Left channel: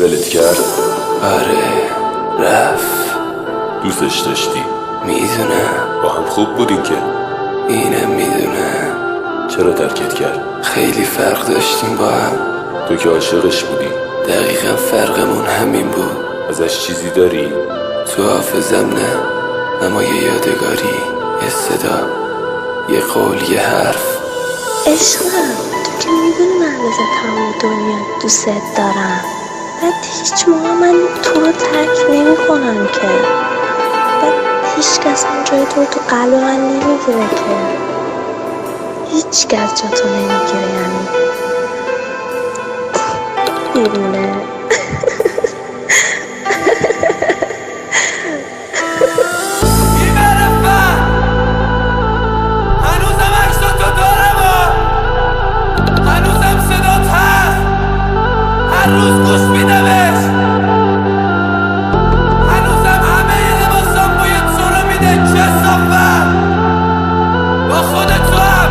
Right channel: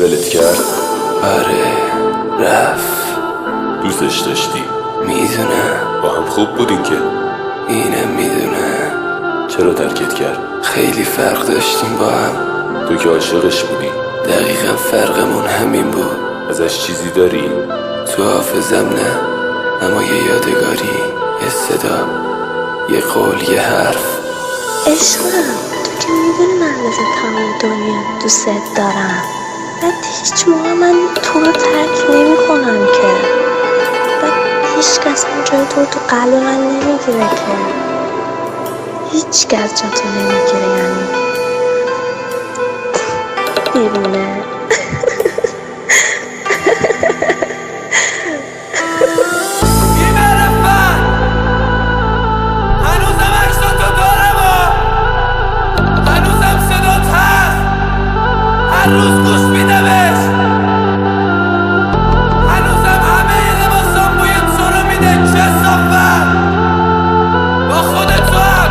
ولت کرد؟ آره رفت. دوستش داشتی؟ میدونم. با هم خوب بودین که؟ اینم میدونم. چرا ترکت کرد؟ خیلی فرق داشتیم با هم. تو که عاشقش بودی. دقیقا فرقمون همین بود. ازش چیزی داری؟ تو حافظم نه، اما یه یادگاری، یه صدا، یه قول، یه حرف. عشقم تو که میدونی من واسه تمام دنیا دوست دارم. بعد هیچ موقع من تو رو ترک نمی کنم که. بعد هیچ کس هم جای تو قلب من نمیگیره که. هیچ کس جا تو نمیگیره یعنی بیرونه. هر روز گوش میدمش، هنوزم همه لباسام بوی تو رو میده. کثافت با خودت تو هم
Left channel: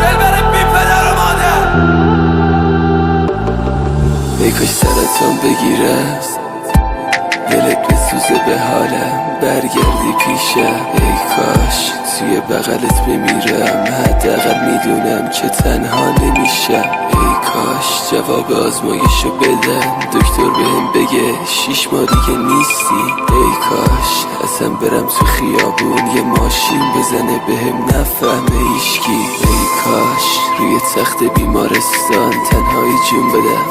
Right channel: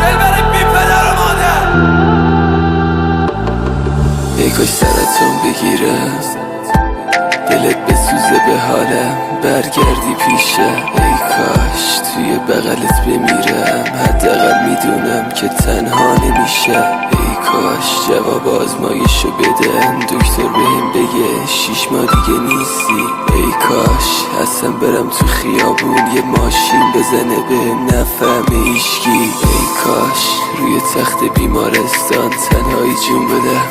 دلبر بی پدر و مادر. ای کاش سرتون بگیرم، دلت بسوزه به حالم، برگردی پیشم. ای کاش توی بغلت بمیرم، حداقل میدونم که تنها نمیشم. ای کاش جواب آزمایشو بدن، دکتر بهم بگه 6 ماه دیگه نیستی. ای کاش اصلا برم تو خیابون یه ماشین بزنه بهم نفهمه هیچکی. ای کاش روی تخت بیمارستان تنهایی جون بدم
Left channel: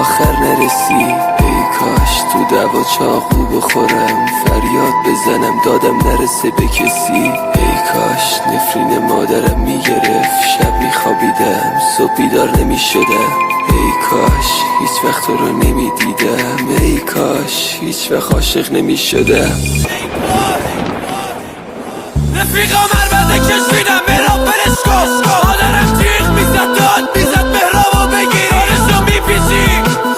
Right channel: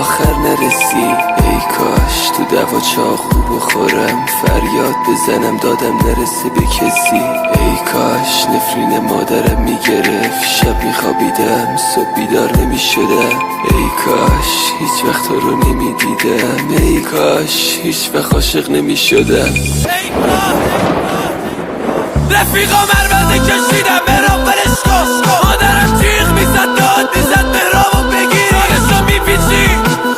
آخر نرسی. ای کاش تو دوا چاقو بخورم، فریاد بزنم دادم نرسه به کسی. ای کاش نفرین مادرم میگرفت، شب میخوابیدم صبح بیدار نمیشدم. ای کاش هیچ وقت تو رو نمیدیدم. ای کاش هیچ وقت عاشق نمیشدم. رفیقا مربزه کشیدم برام برش کش. مادرم جیغ میزد داد میزد مهرامو بگیر. رویشو میپیچی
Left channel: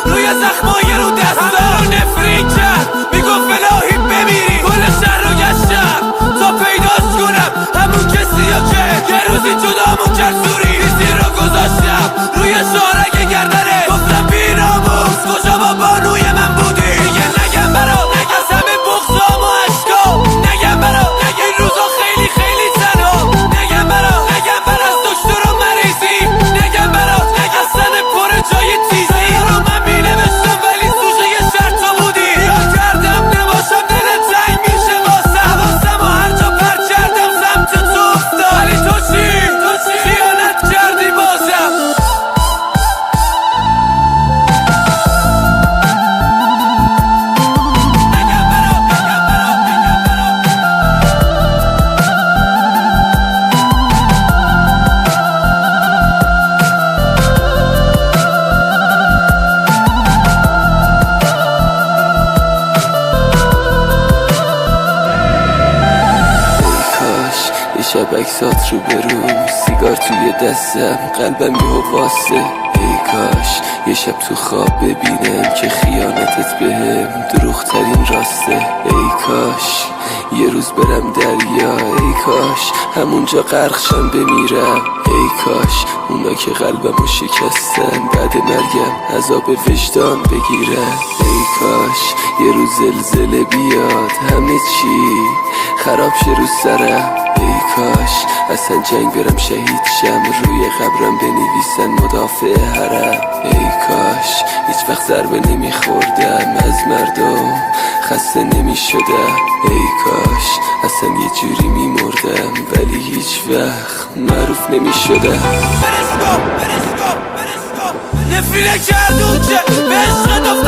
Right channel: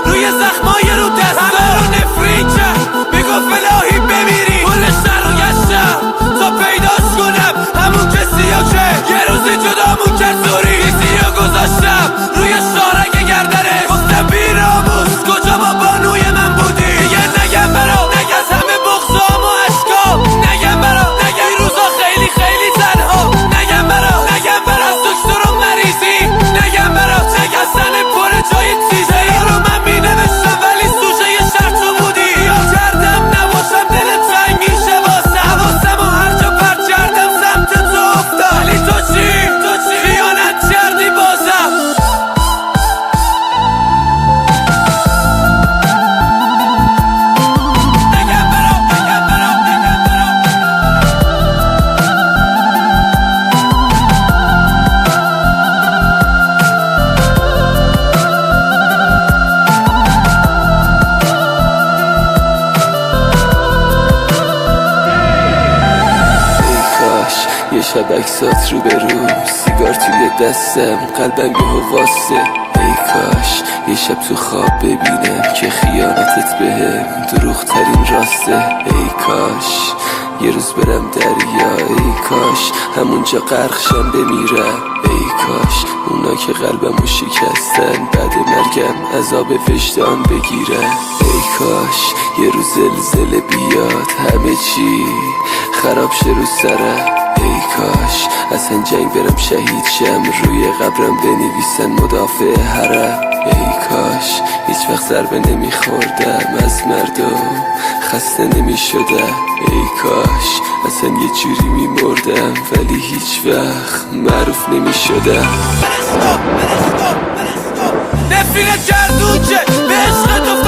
روی زخمای رو دستا رو نفرین کرد، میگفت الهی بمیری. کل شهر رو گشتم تا پیداش کنم همون کسی ها که یه روزی جدامون کرد. سوری بیزی رو گذاشتم روی شارنگ گردنه، گفتم بیراموز کجا با بانوی من بودی. دیگه نگم برا نگم همه بغضام و عشقام، نگم برا نگم این روزا خیلی خیلی تنها، نگم برا نگم برا دکتر و مریضیم، نگم برا نگم سن پر جای چیزایی رو من مینوشتم ولی سوژه یه شرط تو بودی. یاد کردم نباشم دلت تنگی شه واسم، حواسم و هر جا پرت کردم سمت تو افتاد. ولی تو چی خیانت کردی بازم. یه شب عکسات رو برو، سیگار توی دستم قلبم میواسه. ای کاش یه شب تو خواب ببینم که خیانتت بهم دروغ ترین راسته. ای کاش یه روز برم دریا، ای کاش همونجا غرقشم بمیرم. ای کاش اونا که قلبمو شکستن بعد مرگم عذاب وجدان بگیرن. ای کاش یه روز زلزله بیاد همه چی خراب شه رو سرم. ای کاش اصلا جنگ برم شهید شم، روی قبرم بنویسن مدافع حرم. ای کاش هیچ وقت ضربه نمیخوردم از مردم، خسته نمیشدم. ای کاش اصلا یه جوری میمردم ولی هیچ وقت معروف نمیشدم. نفیله کردون که به عشق تو